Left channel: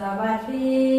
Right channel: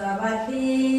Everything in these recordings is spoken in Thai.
สวัสดี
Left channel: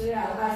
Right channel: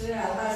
是啊他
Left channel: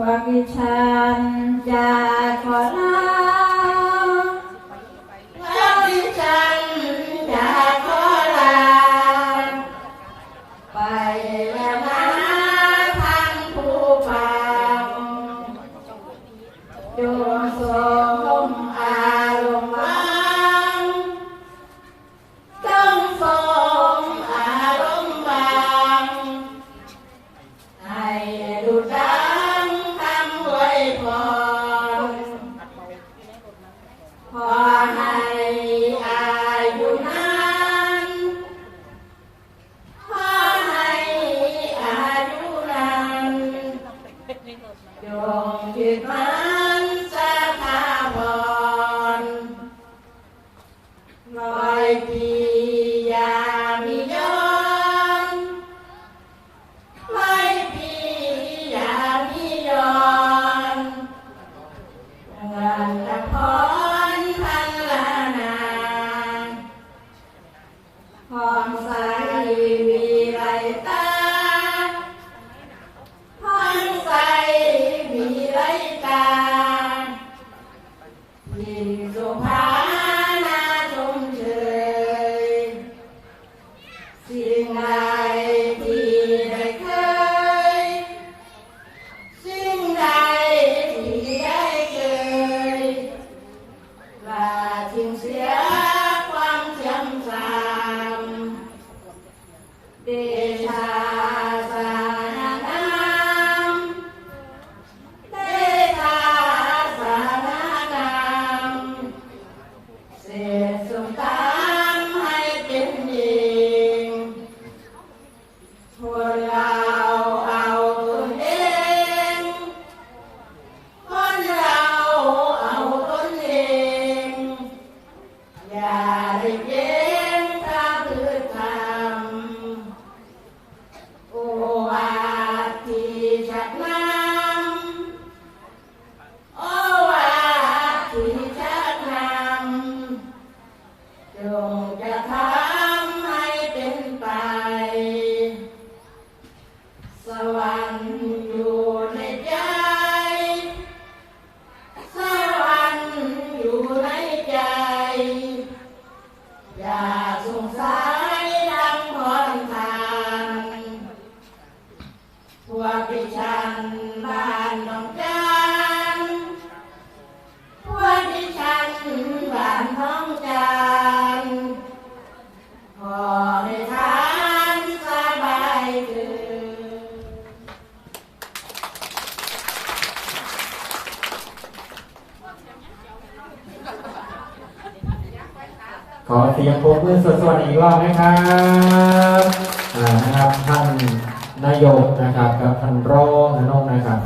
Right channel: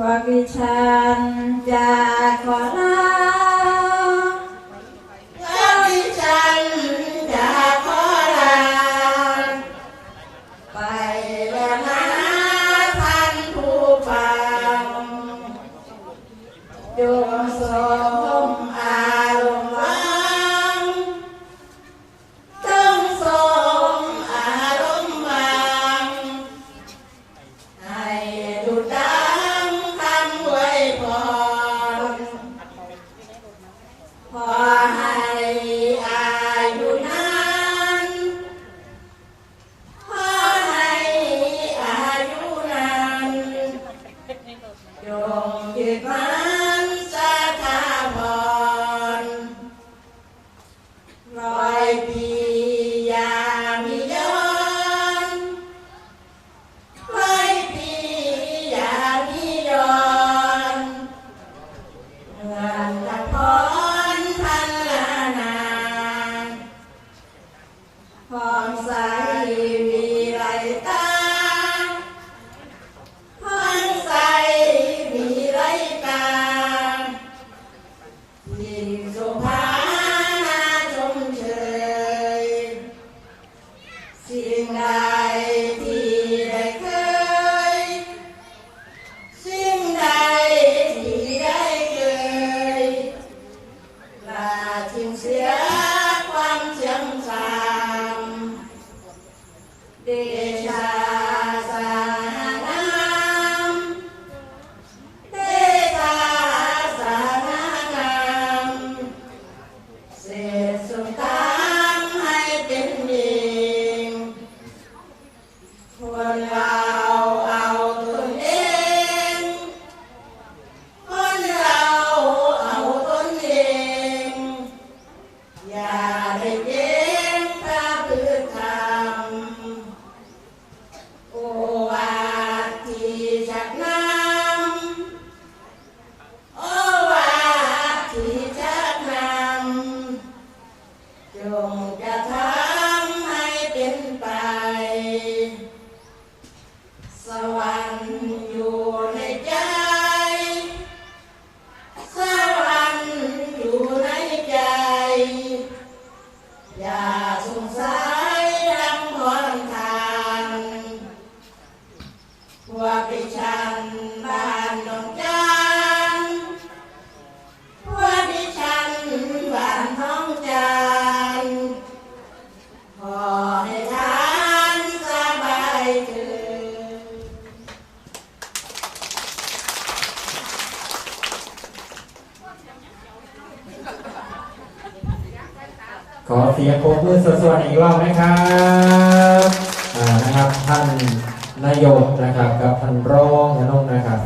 วกดิฉันจะขอลาพวกดิฉันจะขอลาไปแล้ว Four hundred. đà định ขอเสียงปรบมือสวดๆอีกรอบนะครับนะครับ ท่านนายกนะครับกับท่านรองนะน้องนะครับ